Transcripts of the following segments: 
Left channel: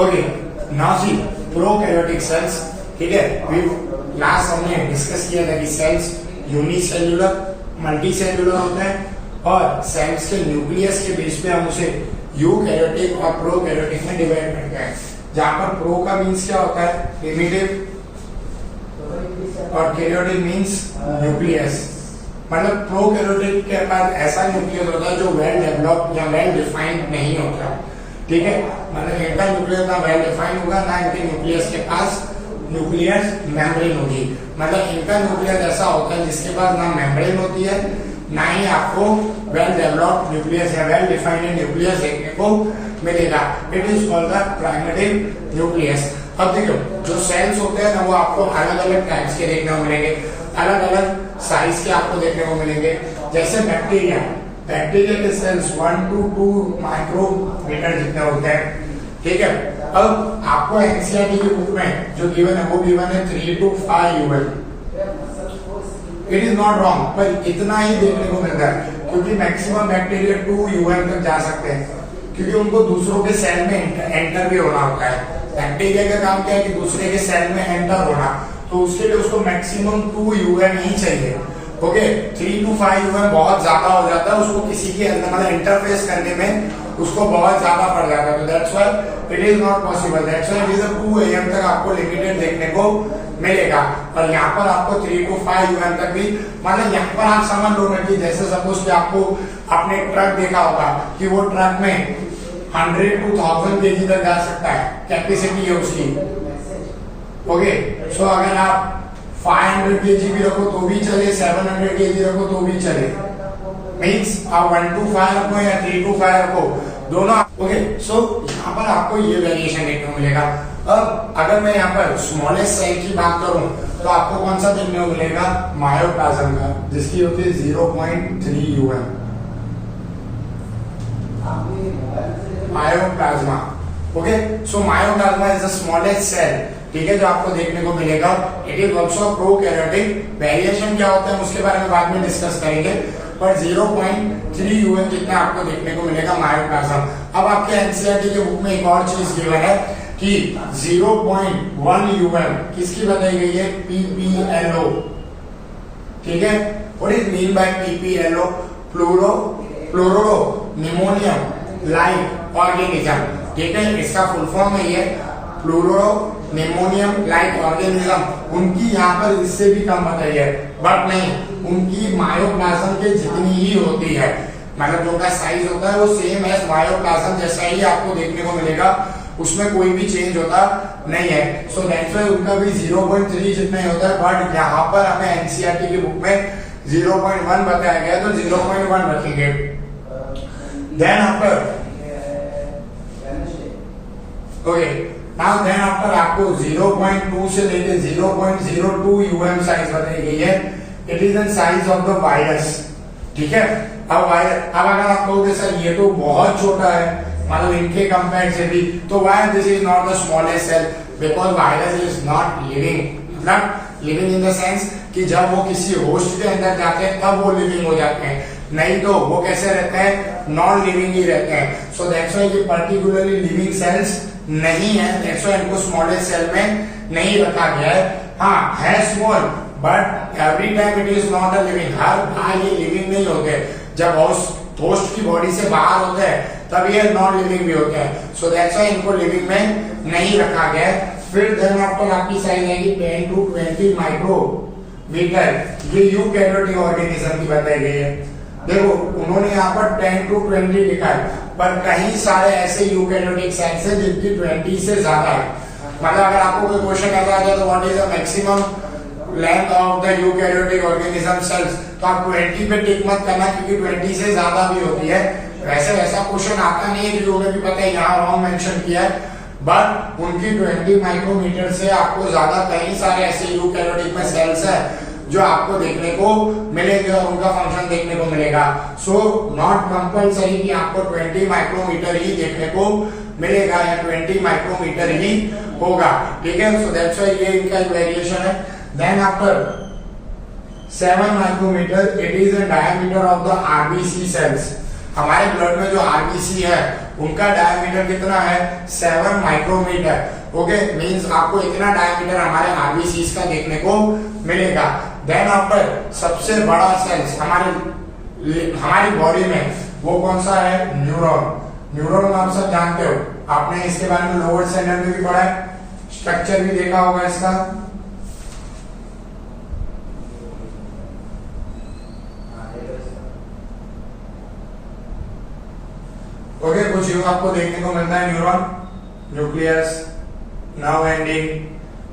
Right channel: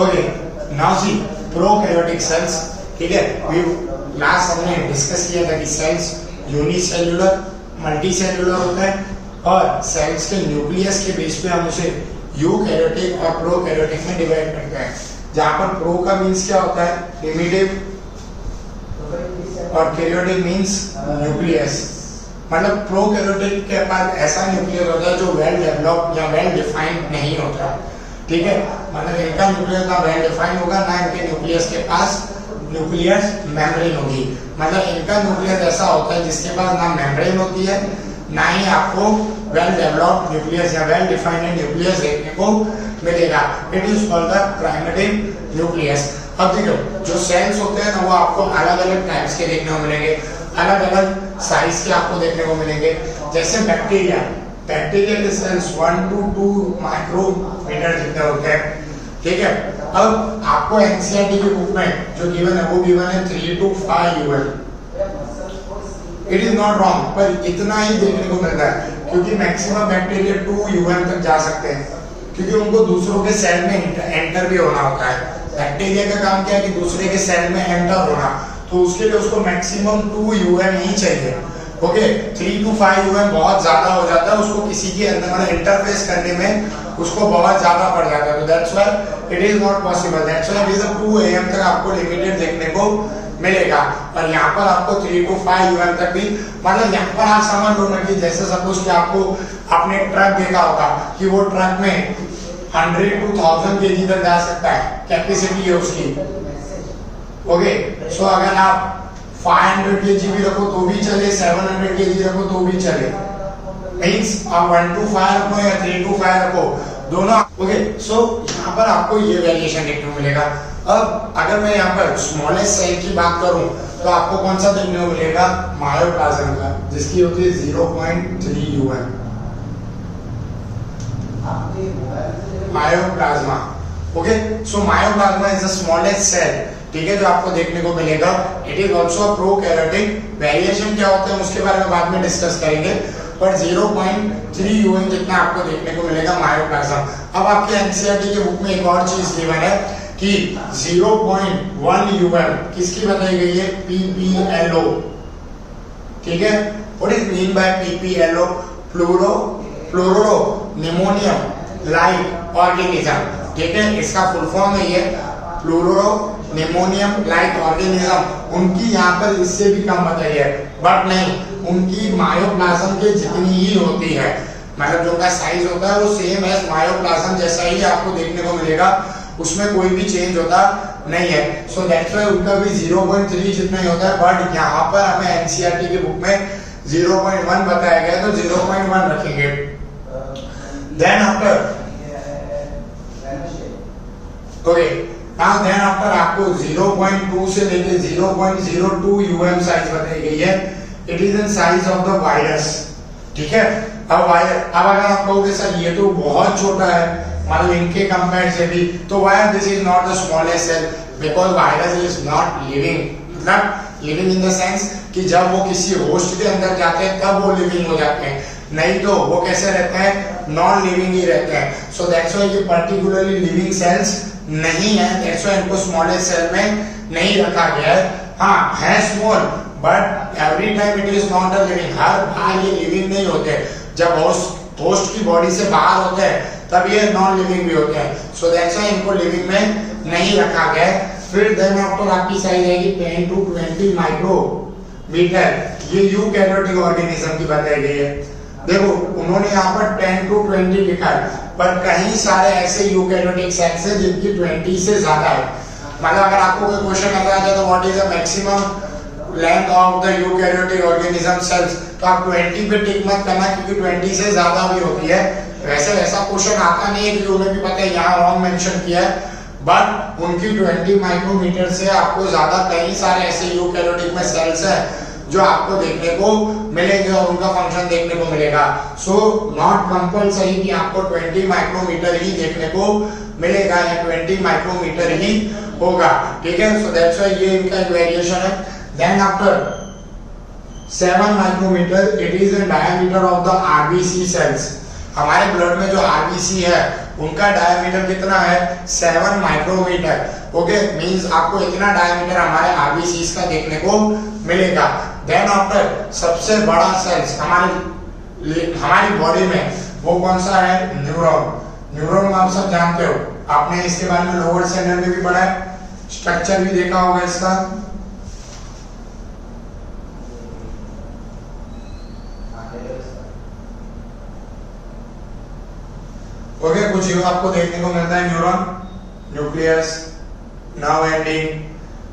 Okay, now सी prokaryotic cells. ठीक है, last हमने डिस्कस किया था कि सेल्स यूनिसेल्युलर, मल्टीसेल्युलर होता है और सेल्स के न्यूक्लियस के बेस पे हम उसे यूकैरियोटिक और प्रोकैरियोटिक में डिवाइड करते हैं। जहां पर प्रो का मींस क्या होता है, प्रिमिटिव, और कैरियोटिक मींस न्यूक्लियस। मतलब प्रोकैरियोटिक के पास ऐसा न्यूक्लियस होता है जो वेल डेवलप या वेल डिफाइंड नहीं होता। ठीक है, मतलब इनका न्यूक्लियस ना वेल डिफाइंड होगा, ना इनके न्यूक्लियस के पास न्यूक्लियस मेम्ब्रेन होगी। मतलब इनका न्यूक्लियस ऐसा होता है जिसके पास ना मेम्ब्रेन होती है, ना ही आपको वेल डेवलप्ड न्यूक्लियस या वेल डिफाइंड न्यूक्लियस देखने को मिलेगा। It is called the primitive nucleus. अब देखो, जो सेल्स होते हैं ना वो आपको अलग अलग टाइप्स के देखने को मिलेंगे, अलग अलग साइज के आपको देखने को मिलेंगे। जैसे बैक्टीरिया, बैक्टीरिया के सेल्स 1 to 2 माइक्रोमीटर जितने होते हैं। ठीक है, अब आपको एनसीईआरटी की बुक में जो गिवन है वो गिवन है 3 to 5 UM. It is not wrong, पर इतना ही देखने को मिलता है क्योंकि मैक्सिमम बैक्टीरिया 2 यूएम तक जा सकते हैं, क्योंकि उनको दूसरों के सेल में एंटर भी होना होता है। बैक्टीरिया का काम क्या है कि दूसरे के सेल में एंटर होना, तो उसके लिए उसको मैक्सिमम 2 यूएम ही चाहिए। ओके, 3 to 5 यूएम बहुत ज्यादा हो जाता है, उसको किसी के अंदर मतलब इंटरफेस करने में उसको बहुत ज्यादा पड़ जाता है। तो that's why it is not possible. That's why it is 2 am तक आपको लिमिटेड देखने को मिलेगा। और यहाँ पर आपको 3 to 5 यूएम तक भी, मतलब यहाँ पर आप समझ लो ना कि जैसे सपोज कि आपको आपने ट्रक देखा होगा कि वो ट्रक में 100 to 1000 केजी तक जा सकता है, कैपेसिटी है उसकी। ओके, सो अगर आप 500 केजी भी रखो तो भी चले, 700 केजी रखो तो भी चले। मींस आप 1 to 5 रखो या 3 to 5 रखो, दोनों। ओके, सो यहाँ पर आपको ये वेरिएशन देखने को मिलेगा। अब अगर मैं यहाँ पर स्मॉलेस्ट सेल की बात करूं तो आपको कौन सा देखने को मिलेगा, मायोप्लाज्म का, जिसकी होती है 0.3 UM. Mycoplasma. Okay, so mycoplasma is the smallest cell. ठीक है, जो आपको देखने को मिलेगा। It is also prokaryotic. Variation क्या होता है उसके बारे में बाद में डिस्कस करेंगे, पर 0.3 यूएम जितना आपको देखने को मिलेगा मायोप्लाज्म। अब आपके एनसीईआरटी के बुक में एक और चीज गिवन है कि 0.1 यूएम किसकी बताई गई है, पीपीएलओ। ठीक है, what is mean by PPLO, pleuro pneumonia like organism. ठीक है, इसका फुल फॉर्म है ये प्लूरो निमोनियम लाइक ऑर्गेनिज्म। उनकी यहाँ पर इससे भी कम बताई है, बट नहीं, उनकी मायोप्लाज्म के जितनी ही होती है। मतलब जो उनका साइज होता है वो सेम एज मायोप्लाज्म जैसा ही आपको देखने को मिलेगा, उसमें कोई भी चेंज होता नहीं है। सो दैट्स व्हाई उनका भी 0.3 जितना ही होता है, बट यहाँ पर हमें एनसीईआरटी की बुक में 0.1 बताया गया, तो 0.1 रखेंगे। देन आफ्टर देन आफ्टर आपको 0.2 से लेके 0.02 यूएम साइज बताई गई है। It is in size of the virus. ठीक है, अब अगर आप कहोगे सर ये तो बहुत छोटा है, मतलब इनके कंपेयर से भी, तो why this is not the smallest cell, because virus is not living. मतलब लिविंग इन द सेंस कि जब वो किसी होस्ट के अंदर जाते हैं तब वो लिविंग हो जाते हैं, नहीं तो वो कैसे रहते हैं, नॉन लिविंग ही रहते हैं। सो दैट्स व्हाई ये पर्टिकुलरली लिविंग सेल्स नहीं है, दैट्स व्हाई इनको स्मॉलेस्ट सेल में नहीं रखा गया है। हाँ है small, but every time it is not a living. हर बार ये लिविंग नहीं होते, जब होस्ट की बॉडी से बाहर होते हैं तब ये नॉन लिविंग भी होते हैं। सो दैट्स व्हाई इनको लिविंग में नहीं रखा गया है। फिर देन आफ्टर आपकी साइज आएगी 10 to 20 माइक्रोमीटर। ये यूकैरियोटिक ऑर्गेनिज्म की बताई गई है। देखो उन्होंने यहाँ पर 10 to 20 लिखा है, पर कई सारे ऐसे यूकैरियोटिक सेल्स हैं जिनकी 20 से ज्यादा है। मतलब अगर आपको कोई क्वेश्चन आता है तो what is the maximum length of the eukaryotic organism sales, तो आप 20 पे टिक मत करना, क्योंकि 20 से ज्यादा भी होती है। वैसा क्वेश्चन आता नहीं है, क्योंकि उन्हें भी पता है यहाँ रॉन्ग मेंशन किया है, बट उनकी 20 माइक्रोमीटर से आपको ज्यादा कई सारे ऐसे यूकैरियोटिक में सेल्स है जो आपको देखने को मिलेंगे और उनका फंक्शन देखने को मिलेगा। सो नॉट कंपल्सरी कि आपको 20 माइक्रोमीटर ही देखने को मिलेगा या 20 माइक्रोमीटर ही होगा। ठीक है, सो दैट्स व्हाई ये इनका वेरिएशन है। Then after 7 micrometre, it is the diameter of the RBC cells. हमारे ब्लड में जो आरबीसी है उनका डायमीटर कितना है 7 माइक्रोमीटर। ओके, मींस आपको इतना डायमीटर हमारे आरबीसीज का देखने को मिलेगा। देन आफ्टर सबसे बड़ा सेल्स हमारी बॉडी में वो कौन सा है, न्यूरॉन। न्यूरॉन आप सब जानते हो, आपने इसके बारे में लोअर स्टैंडर्ड में भी पढ़ा है, स्ट्रक्चर भी देखा होगा इसका। ओके, कुछ यूं आपको देखने को मिलता है, न्यूरॉन, न्यूक्लियस, नर्व एंडिंग।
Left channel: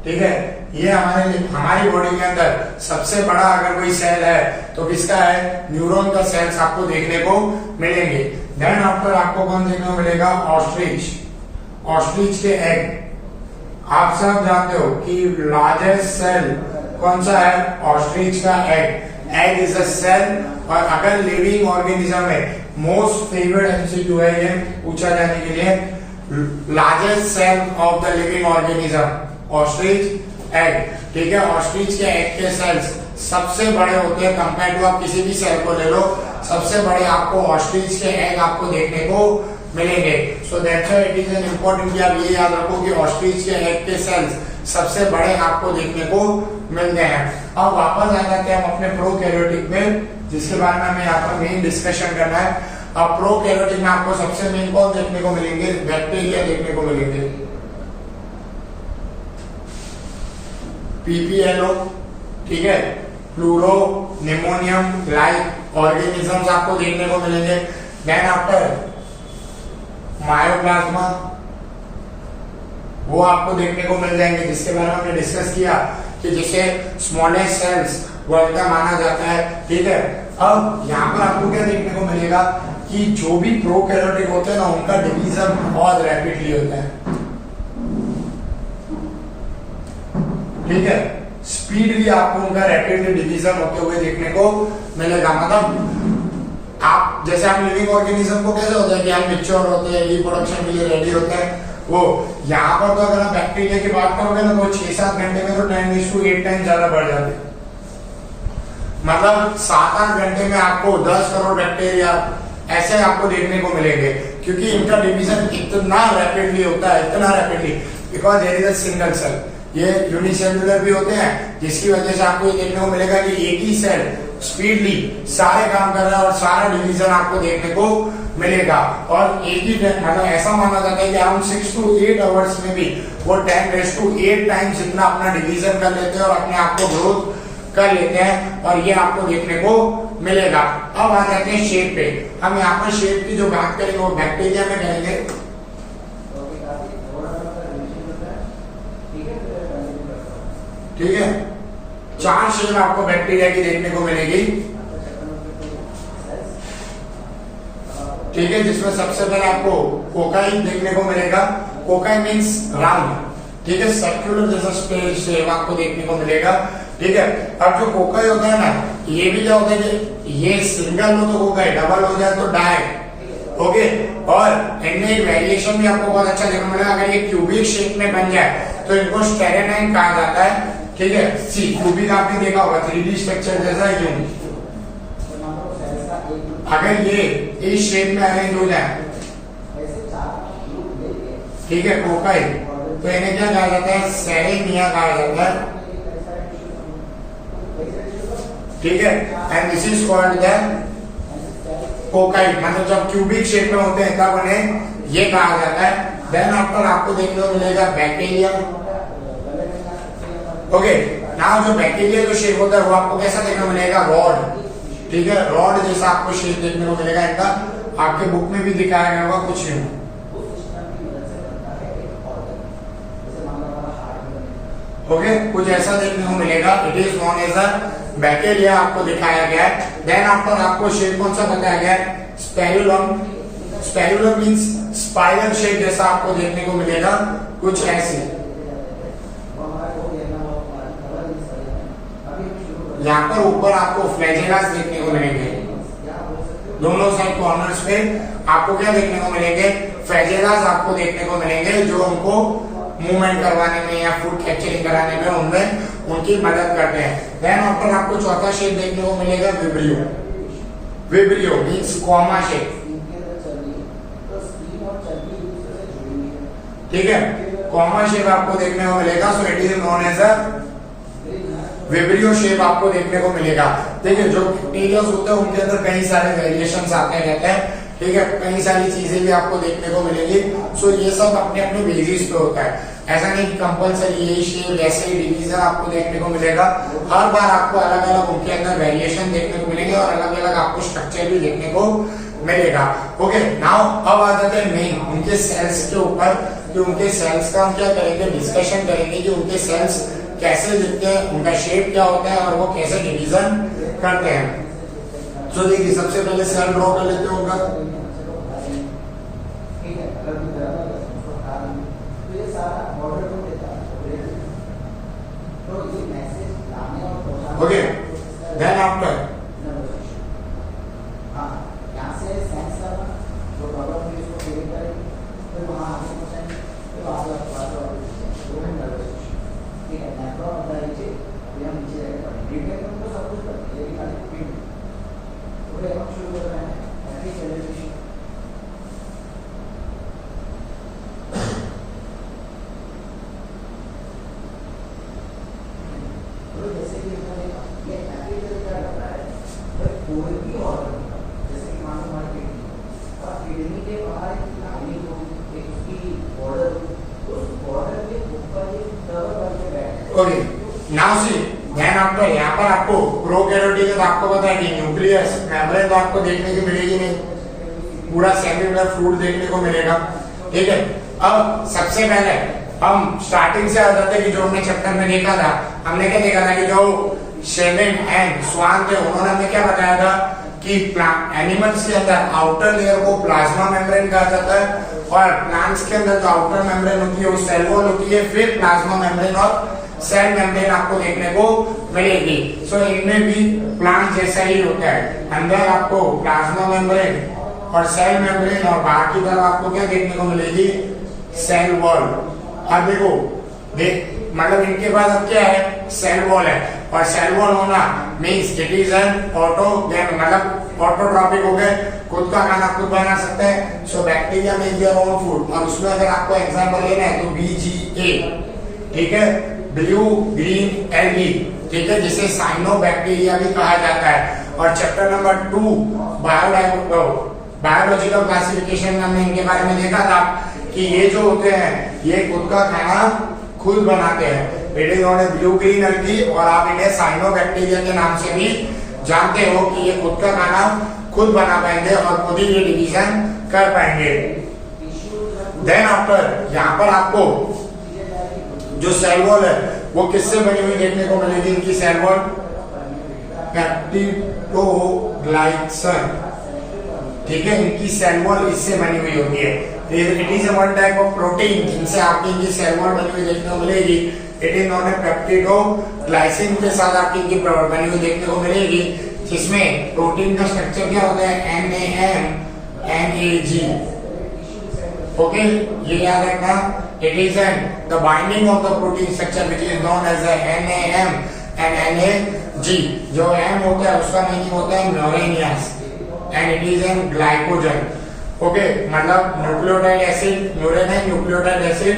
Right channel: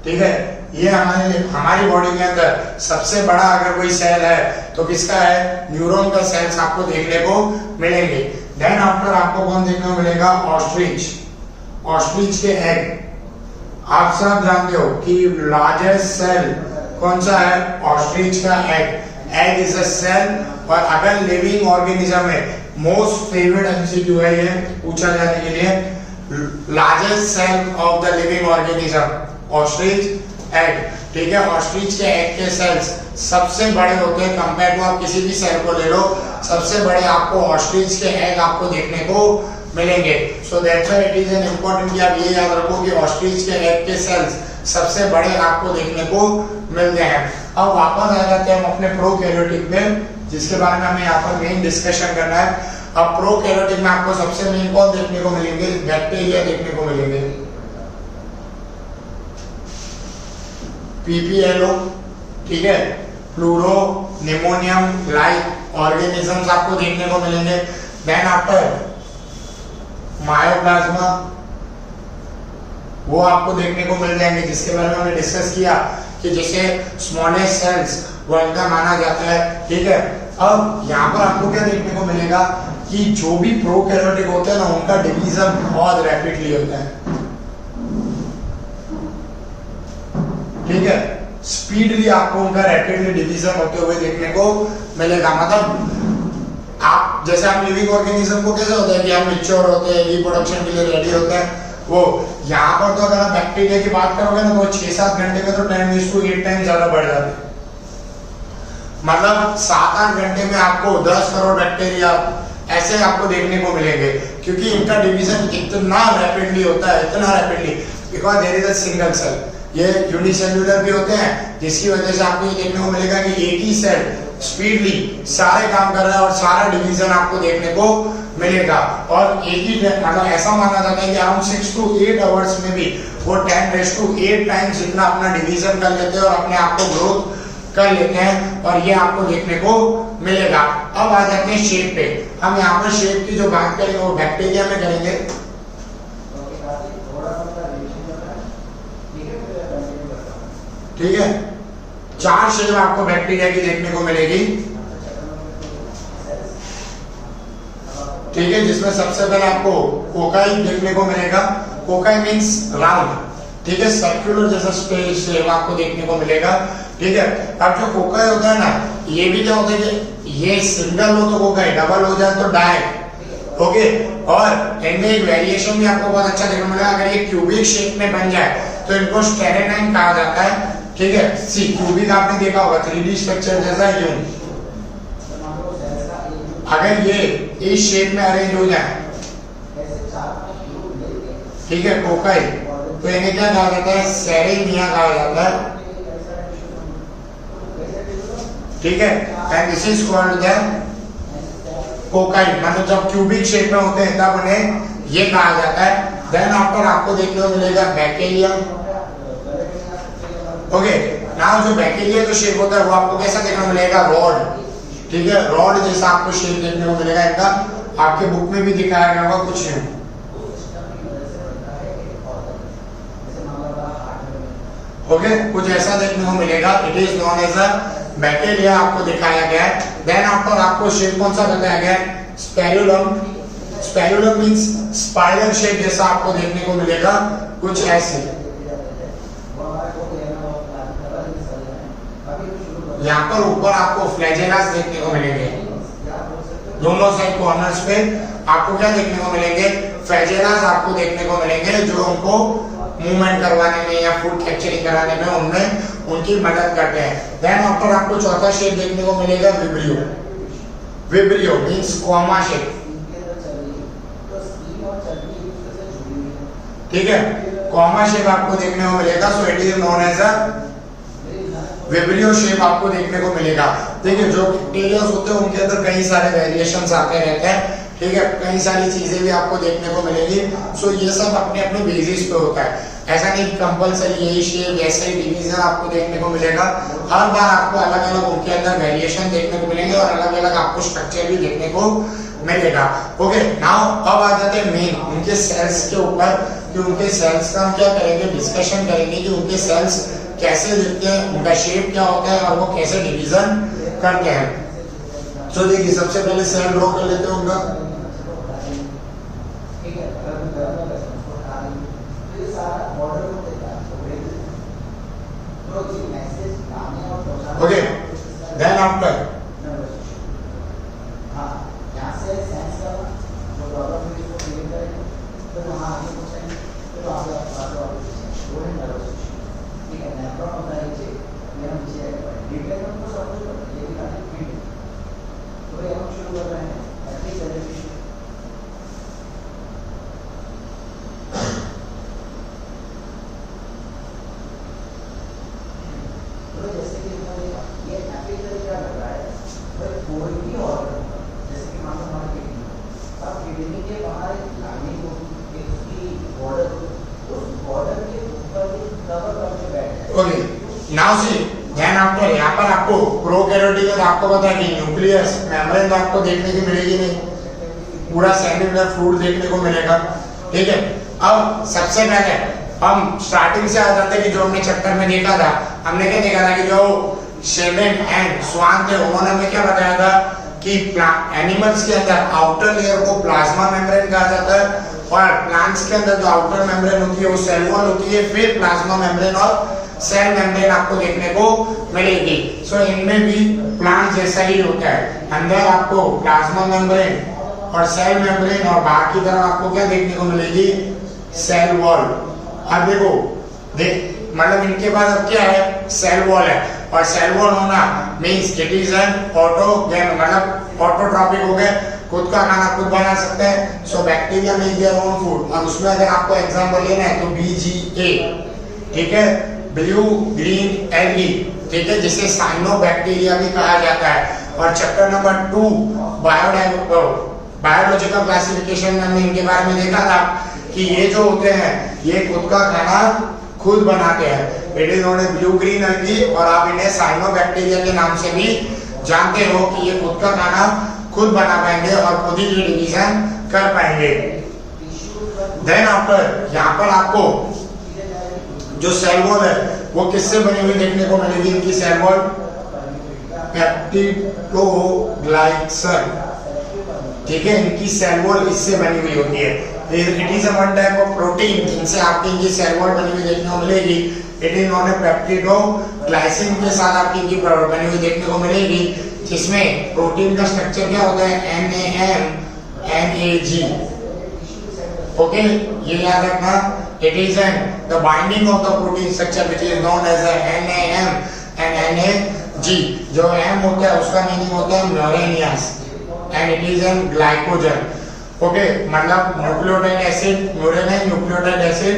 ठीक है, ये हमारी बॉडी के अंदर सबसे बड़ा अगर कोई सेल है तो किसका है, न्यूरॉन का सेल्स आपको देखने को मिलेंगे। देन आफ्टर आपको कौन देखने को मिलेगा, ऑस्ट्रिच। ऑस्ट्रिच के एग आप सब जानते हो कि लार्जेस्ट सेल कौन सा है, ऑस्ट्रिच का egg. Egg is a cell, और अगर लिविंग ऑर्गेनिज्म में मोस्ट फेवरेट एमसीक्यू है ये पूछा जाने के लिए, largest cell of the living organism ostrich egg. ठीक है, ऑस्ट्रिच के एग के सेल्स सबसे बड़े होते हैं कंपेयर टू आप किसी भी सेल को ले लो, सबसे बड़े आपको ऑस्ट्रिच के एग आपको देखने को मिलेंगे। सो that's why it is an important कि आप ये याद रखो कि ऑस्ट्रिच के एग के सेल्स सबसे बड़े आपको देखने को मिलते हैं। अब वापस आ जाते हैं हम अपने प्रोकैरियोटिक में, जिसके बारे में हमें यहाँ पर मेन डिस्कशन करना है। अब प्रोकैरियोटिक में आपको सबसे मेन कौन देखने को मिलेंगे, बैक्टीरिया देखने को मिलेंगे, पीपीएलओ। ठीक है, प्लूरो, निमोनियम लाइक ऑर्गेनिजम्स आपको देखने को मिलेंगे। देन आफ्टर मायोप्लाज्मा, वो आपको देखने को मिल जाएंगे, जिसके बारे में हमने डिस्कस किया कि जिसे स्मॉलेस्ट सेल्स वर्ल्ड का माना जाता है। ठीक है, अब यहाँ पर आपको क्या देखने को मिलेगा कि जो भी प्रोकैरियोटिक होते हैं ना, उनका डिवीजन बहुत रैपिडली होता है। ठीक है, स्पीडली आपको उनका रैपिडली डिवीजन होते हुए देखने को मिलेगा। मतलब आप जैसे आप लिविंग ऑर्गेनिज्म को कैसे होता है कि हम मैच्योर होते हैं, रिप्रोडक्शन के लिए रेडी होते हैं, वो यहाँ पर तो अगर आप बैक्टीरिया की बात करोगे ना, तो 6-7 घंटे में तो 10⁸ टाइम ज्यादा बढ़ जाते हैं। मतलब 7-8 घंटे में आपको 10 करोड़ बैक्टीरिया ऐसे आपको देखने को मिलेंगे, क्योंकि इनका डिवीजन इतना रैपिडली होता है, इतना rapidly, because there is a single cell. ये यूनिसेल्युलर भी होते हैं, जिसकी वजह से आपको ये देखने को मिलेगा कि एक ही सेल स्पीडली सारे काम कर रहा है और सारा डिवीजन आपको देखने को मिलेगा। और एक ही मतलब ऐसा माना जाता है कि अराउंड 6 to 8 आवर्स में भी वो 10⁸ टाइम्स जितना अपना डिवीजन कर लेते हैं और अपने आप को ग्रोथ कर लेते हैं, और ये आपको देखने को मिलेगा। अब आ जाते हैं शेप पे। हम यहाँ पर शेप की जो बात करेंगे वो बैक्टीरिया में करेंगे। ठीक है, 4 शेप आपको बैक्टीरिया की देखने को मिलेगी। ठीक है, जिसमें सबसे पहले आपको कोकाई देखने को मिलेगा। Cocci means round. ठीक है, सर्कुलर जैसा शेप आपको देखने को मिलेगा। ठीक है, अब जो कोकाई होता है ना, ये भी क्या होता है कि ये सिंगल हो तो कोकाई, डबल हो जाए तो डाई। ओके, और इनमें एक वेरिएशन भी आपको बहुत अच्छा देखने को मिलेगा। अगर ये क्यूबिक शेप में बन जाए तो इनको स्टेरेनाइन कहा जाता है। ठीक है, सी क्यूबिक आपने देखा होगा 3D स्ट्रक्चर जैसा यूं। अगर ये इस शेप में अरेंज हो जाए, ठीक है, कोकाई, तो इन्हें क्या कहा जाता है, सेरेनिया कहा जाता है। ठीक है, and this is called the cocci. मतलब जब क्यूबिक शेप में होते हैं तब उन्हें ये कहा जाता है। देन आफ्टर आपको देखने को मिलेगा बैक्टीरिया। ओके, नाउ जो बैक्टीरिया जो शेप होता है वो आपको कैसा देखने को मिलेगा, रॉड। ठीक है, रॉड जैसा आपको शेप देखने को मिलेगा। इनका आपके बुक में भी दिखाया गया होगा कुछ। ओके, कुछ ऐसा देखने को मिलेगा। It is known as a bacteria आपको दिखाया गया है। देन आफ्टर आपको शेप कौन सा बताया गया है, स्पेरुलम। स्पेरुलम मींस स्पाइरल शेप जैसा आपको देखने को मिलेगा, कुछ ऐसे। यहाँ पर ऊपर आपको फ्लैजेलास देखने को मिलेंगे, दोनों साइड कॉर्नर्स पे आपको क्या देखने को मिलेंगे, फ्लैजेलास आपको देखने को मिलेंगे, जो उनको मूवमेंट करवाने में या फूड कैप्चरिंग कराने में उनमें उनकी मदद करते हैं। देन आफ्टर आपको चौथा शेप देखने को मिलेगा, vibrio. Vibrio means comma shape. ठीक है, कॉमा शेप आपको देखने को मिलेगा, so it is known as a vibrio shape आपको देखने को मिलेगा। ठीक है, जो बैक्टीरिया होते हैं उनके अंदर कई सारे वेरिएशंस आते रहते हैं। ठीक है, कई सारी चीजें भी आपको देखने को मिलेगी। सो ये सब अपने अपने बेसिस पे होता है, ऐसा नहीं कंपलसरी यही शेप ऐसे ही डिवीजन आपको देखने को मिलेगा। हर बार आपको अलग अलग उनके अंदर वेरिएशन देखने को मिलेंगे और अलग अलग आपको स्ट्रक्चर भी देखने को मिलेगा। ओके, नाउ अब आ जाते हैं मेन उनके सेल्स के ऊपर, कि उनके सेल्स का हम क्या करेंगे, डिस्कशन करेंगे कि उनके सेल्स कैसे दिखते हैं, उनका शेप क्या होता है और वो कैसे डिवीजन करते हैं। तो देखिए, सबसे पहले सेल ड्रॉ कर लेते हैं उनका। Okay, then after okay, now see ध्यान आफ्टर यहाँ पर आपको प्रोकैरियोटिक तो आपको पता है कि न्यूक्लियस मेम्ब्रेन तो आपको देखने की मिलेगी नहीं, पूरा सेल्युलर फ्लूइड देखने को मिलेगा। ठीक है, अब सबसे पहले हम स्टार्टिंग से आ जाते हैं कि जो हमने चैप्टर में देखा था, हमने क्या देखा था कि जो शेवन एंड स्वान थे उन्होंने हमें क्या बताया था कि एनिमल्स के अंदर आउटर लेयर को प्लाज्मा मेम्ब्रेन कहा जाता है और प्लांट्स के अंदर जो आउटर मेम्ब्रेन होती है वो सेल वॉल होती है, फिर प्लाज्मा मेम्ब्रेन और सेल मेम्ब्रेन आपको देखने को मिलेगी। सो इनमें भी प्लांट जैसा ही होता है, अंदर आपको प्लाज्मा मेम्ब्रेन और सेल मेम्ब्रेन और बाहर की तरफ आपको क्या देखने को मिलेगी, सेल वॉल। अब देखो मतलब इनके पास अब क्या है, सेल वॉल है और सेल वॉल होना मींस इट इज एन ऑटोगेन, मतलब ऑटोट्रॉपिक हो गए, खुद का खाना खुद बना सकते हैं। So bacteria make their own food, और उसमें अगर आपको एग्जांपल लेना है तो BGA, ठीक है, ब्लू ग्रीन एल्गी, ठीक है, जिसे साइनोबैक्टीरिया भी कहा जाता है। और चैप्टर नंबर 2 बायोलॉजिकल क्लासिफिकेशन में हमने इनके बारे में देखा था कि ये जो होते हैं ये खुद का खाना खुद बनाते हैं, it is not a blue green algae, और आप इन्हें साइनोबैक्टीरिया के नाम से भी जानते हो कि ये खुद का खाना खुद बना पाएंगे और खुद ही ये डिवीजन कर पाएंगे। देन आफ्टर यहाँ पर आपको जो सेल वॉल है वो किससे बनी हुई देखने को मिलेगी, इनकी सेल वॉल पेप्टिडोग्लाइकन, ठीक है, इनकी सेल वॉल इससे बनी हुई होती है। It is one type of protein जिनसे आपकी इनकी सेल वॉल बनी हुई देखने को मिलेगी। इट इज नॉट ए पेप्टिडोग्लाइसिन के साथ आपकी इनकी बनी हुई देखने को मिलेगी, जिसमें प्रोटीन का स्ट्रक्चर क्या होता है, NAMNAG। ओके, ये याद रखना, it is the binding of the protein structure which is known as a NAM and NAG। जो M होता है उसका मीनिंग होता है न्यूरेनियस and it is an glycogen। Okay, मतलब न्यूक्लियोटाइड एसिड, न्यूरेन है, न्यूक्लियोटाइड एसिड,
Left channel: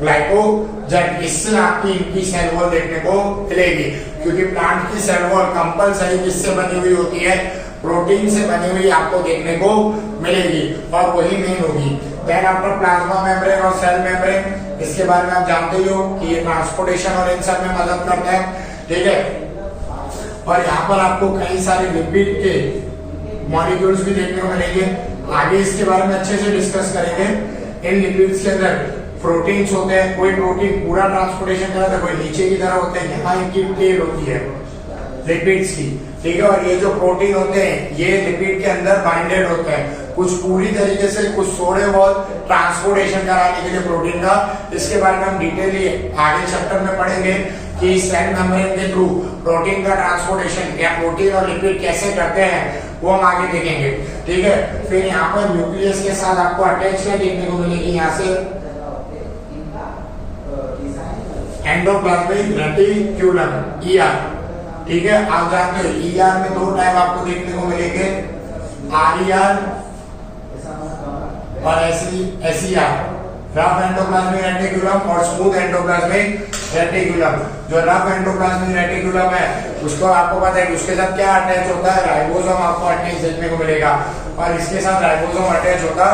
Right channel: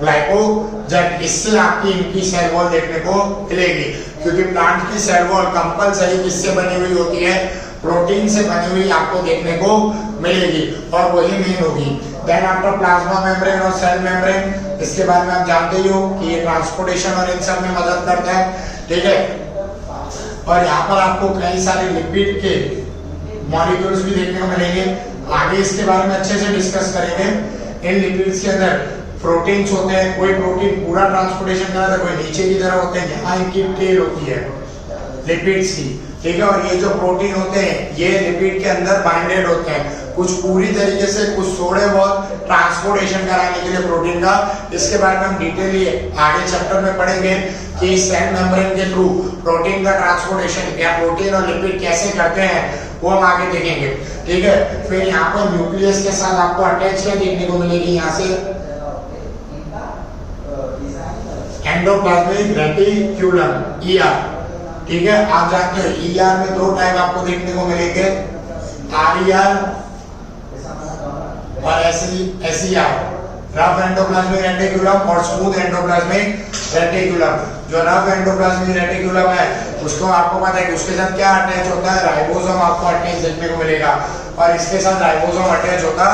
ग्लाइकोजन, इससे आपकी इनकी सेल वॉल देखने को मिलेगी, क्योंकि प्लांट की सेल वॉल कंपलसरी किससे बनी हुई होती है, प्रोटीन से बनी हुई आपको देखने को मिलेगी और वही मेन होगी। देन आफ्टर प्लाज्मा मेम्ब्रेन और सेल मेम्ब्रेन, इसके बारे में आप जानते ही हो कि ये ट्रांसपोर्टेशन और इन सब में मदद करता है। ठीक है, और यहाँ पर आपको कई सारे लिपिड के मॉलिक्यूल्स भी देखने को मिलेंगे, आगे इसके बारे में अच्छे से डिस्कस करेंगे। इन लिपिड्स के अंदर प्रोटीन्स होते हैं, कोई प्रोटीन पूरा ट्रांसपोर्टेशन कर रहा था, कोई नीचे की तरफ होते हैं, यहाँ इनकी टेल होती है लिपिड्स की, ठीक है, और ये जो प्रोटीन होते हैं ये लिपिड के अंदर बाइंडेड होते हैं, कुछ पूरी तरीके से, कुछ थोड़े बहुत ट्रांसपोर्टेशन कराने के लिए प्रोटीन का। इसके बारे में हम डिटेली आगे चैप्टर में पढ़ेंगे कि सेल मेम्ब्रेन के थ्रू प्रोटीन का ट्रांसपोर्टेशन या प्रोटीन और लिपिड कैसे करते हैं वो हम आगे देखेंगे। ठीक है, फिर यहाँ पर न्यूक्लियस के साथ आपको अटैच क्या देखने को मिलेगी, यहाँ से एंडोप्लाज्मिक रेटिक्यूलम ER। ठीक है, आप जानते हो ER में दो टाइप आपको देखने को मिलेंगे, RER और SER। रफ एंडोप्लाज्मिक रेटिकुलम और स्मूथ एंडोप्लाज्मिक रेटिकुलम। जो रफ एंडोप्लाज्मिक रेटिकुलम है उसको आपको पता है कि उसके साथ क्या अटैच होता है, राइबोसोम आपको अटैच देखने को मिलेगा, और इसके साथ राइबोसोम अटैच होता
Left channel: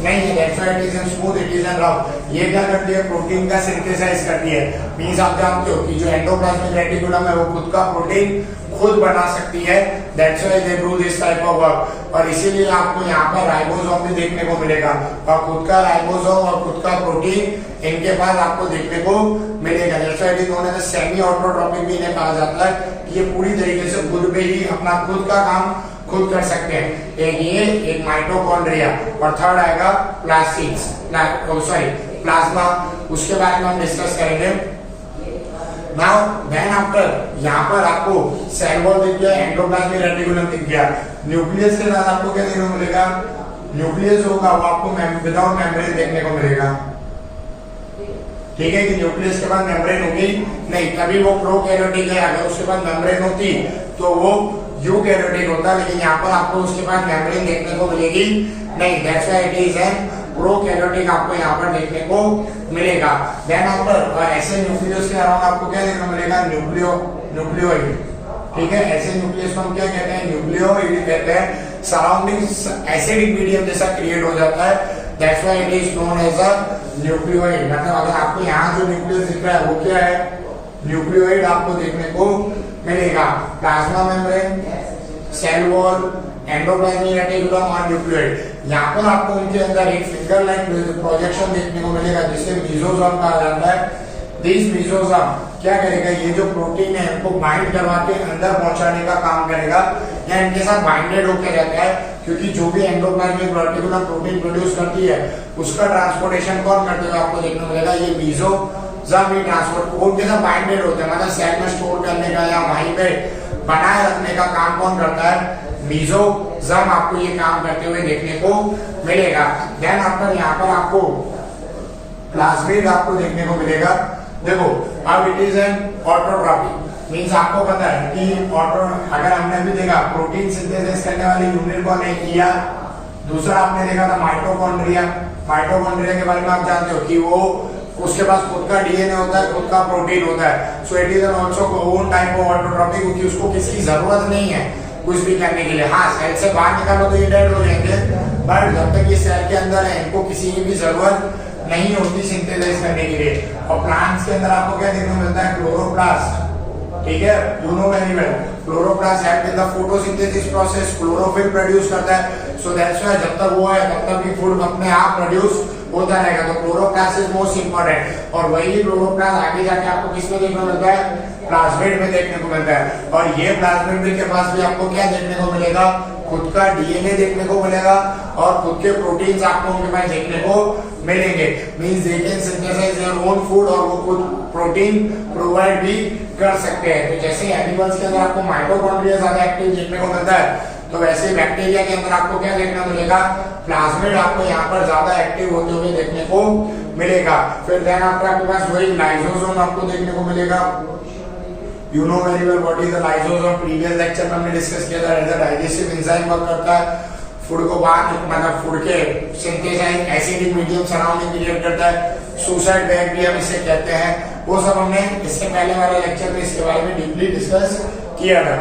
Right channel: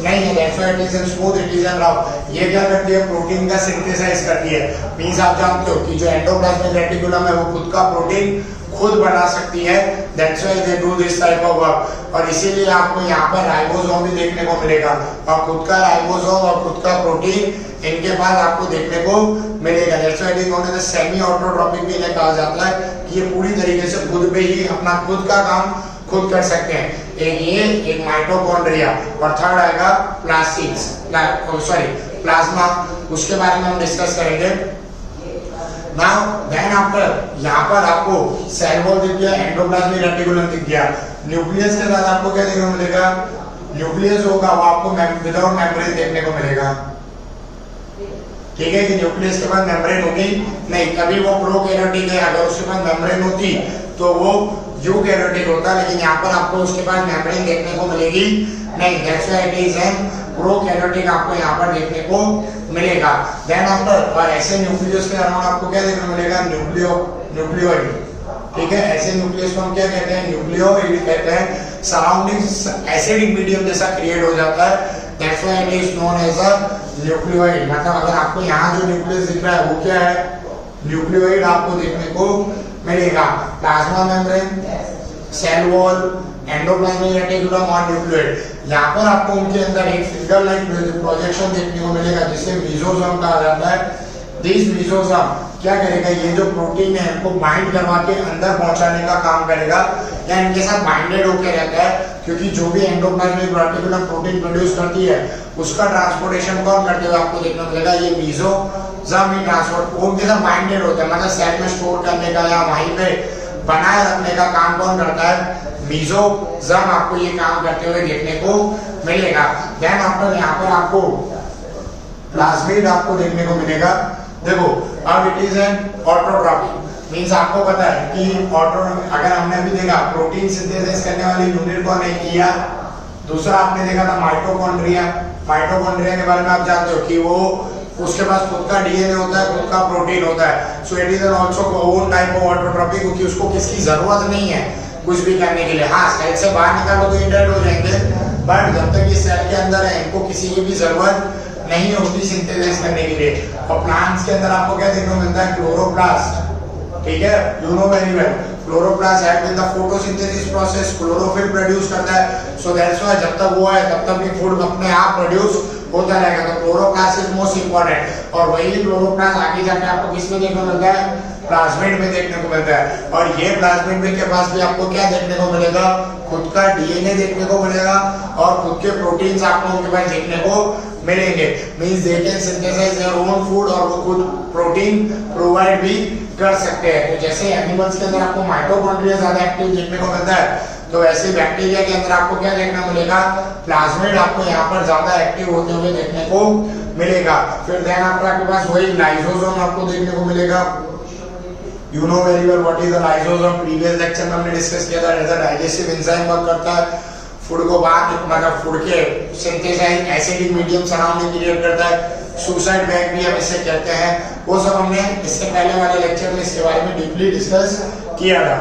नहीं है। That's why it is in smooth, it is in rough. ये क्या करती है, प्रोटीन का सिंथेसाइज करती है। मींस आप जानते हो कि जो एंडोप्लाज्मिक रेटिकुलम है वो खुद का प्रोटीन खुद बना सकती है। That's why they do this type of work. और इसीलिए आपको यहाँ पर राइबोसोम भी देखने को मिलेगा, और खुद का राइबोसोम और खुद का प्रोटीन इनके पास आपको देखने को मिलेगा। That's why it is known as semi autotrophic भी इन्हें कहा जाता है कि ये पूरी तरीके से खुद पे ही अपना खुद का काम खुद कर सकते हैं। एक ये, एक माइटोकॉन्ड्रिया, और थर्ड आएगा प्लाज्मा। उसके बारे में हम डिस्कस करेंगे। नाउ देन आफ्टर यहाँ पर आपको सेल वॉल दिख गया, एंडोप्लाज्मिक रेटिकुलम दिख गया। न्यूक्लियस के साथ आपको क्या देखने को मिलेगा, न्यूक्लियस होगा वो आपको विदाउट मेम्ब्रेन देखने को मिलेगा। ठीक है कि न्यूक्लियस के पास मेम्ब्रेन होगी नहीं, तभी वो प्रोकैरियोटिक है। अगर उसके पास मेम्ब्रेन होती तो वो यूकैरियोटिक होता, लेकिन यहाँ पर आपको उसके पास मेम्ब्रेन देखने को मिलेगी नहीं। That's why it is an prokaryotic आपको यहाँ पर देखने को मिलेगा। देन आफ्टर, और ऐसे न्यूक्लियस के अराउंड आपको क्या देखने को मिलेगा, न्यूक्लियोइड। ठीक है, ऐसे न्यूक्लियस को हम क्या कहते हैं, न्यूक्लियोइड कहते हैं। सराउंडिंग्स एसिडिक मीडियम जैसा क्रिएट हो जाता है। That's why it is known as a nucleoid. मतलब अगर आपको यहाँ जो न्यूक्लियस दिख रहा है वो क्या है, न्यूक्लियोइड आपको देखने को मिलेगा। Plasma membrane, cell wall, endoplasmic reticulum और न्यूक्लियोइड। यहाँ पर आपको उनके अंदर एक फिंगर लाइक प्रोजेक्शन देखने को मिलेगा जिसे मीजोसोम कहा जाता है। दिस मीजोसोम क्या करेगा, ये जो प्रोटीन है इनको बाइंड करवा के अंदर पहुंचाने का काम करेगा, या इनके साथ बाइंडेड होकर रहता है। क्योंकि जो भी एंडोप्लाज्मिक रेटिकुलम प्रोटीन प्रोड्यूस करती है उसका ट्रांसपोर्टेशन कौन करते हुए आपको देखने को मिलेगा, ये मीजोसोम ही ट्रांसपोर्ट उनके साथ बाइंडेड होता है। मतलब सेल में स्टोर करने का या वहीं पे बनाए रखने का काम कौन करता है, मीजोसोम आपको ये काम करते हुए देखने को मिलेगा। देन आफ्टर यहाँ पर आपको प्लाज्मिड आपको देखने को मिलेगा। देखो अब it is an autotrophic, means आपको पता है कि ऑटो, अगर हमने अभी देखा प्रोटीन सिंथेसिस करने वाली यूनिट कौन है, ईआर। दूसरा आपने देखा था माइटोकॉन्ड्रिया। माइटोकॉन्ड्रिया के बारे में आप जानते हो कि वो उसके पास खुद का डीएनए होता है, खुद का प्रोटीन होता है। सो it is an also own type of autotrophic, क्योंकि उसको किसकी जरूरत नहीं है कुछ भी करने के लिए। हाँ, सेल से बाहर निकालो तो ये डेड हो जाएंगे, बट जब तक ये सेल के अंदर है इनको किसी की भी जरूरत नहीं होती सिंथेसाइज करने के लिए। और प्लांट्स के अंदर आपको क्या देखने को मिलता है, क्लोरोप्लास्ट। ठीक है, you know very well, chloroplast help in the photosynthesis process, chlorophyll produce करता है। सो दैट्स व्हाई जब तक वो है तब तक भी फूड अपने आप प्रोड्यूस होता रहेगा। तो क्लोरोप्लास्ट इज मोस्ट इंपॉर्टेंट, और वही क्लोरोप्लास्ट आगे जाके आपको किसमें देखने को मिलता है, प्लाज्मिड में देखने को मिलता है। और ये प्लाज्मिड के पास भी आपको क्या देखने को मिलेगा, खुद का डीएनए देखने को मिलेगा, और खुद के प्रोटीन्स आपको उनके पास देखने को मिलेंगे। Means they can synthesise their own food, और वो खुद प्रोटीन प्रोवाइड भी कर सकते हैं। तो जैसे एनिमल्स के अंदर आपको माइटोकॉन्ड्रिया ज्यादा एक्टिव देखने को मिलता है, तो वैसे बैक्टीरिया के अंदर आपको क्या देखने को मिलेगा, प्लाज्मिड आपको यहाँ पर ज्यादा एक्टिव होते हुए देखने को मिलेगा। फिर देन आफ्टर आपके पास वही लाइसोसोम आपको देखने को मिलेगा। You know very well what is the lysosome, previous lecture में हमने डिस्कस किया था। As a digestive enzyme work करता है, फूड को बाहर, मतलब फूड के synthesise acidic medium surrounding create करता है। सुसाइड बैग भी हम इसे कहते हैं। वो सब हमने इससे पहले वाले लेक्चर में इसके बारे में डीपली डिस्कस किया था।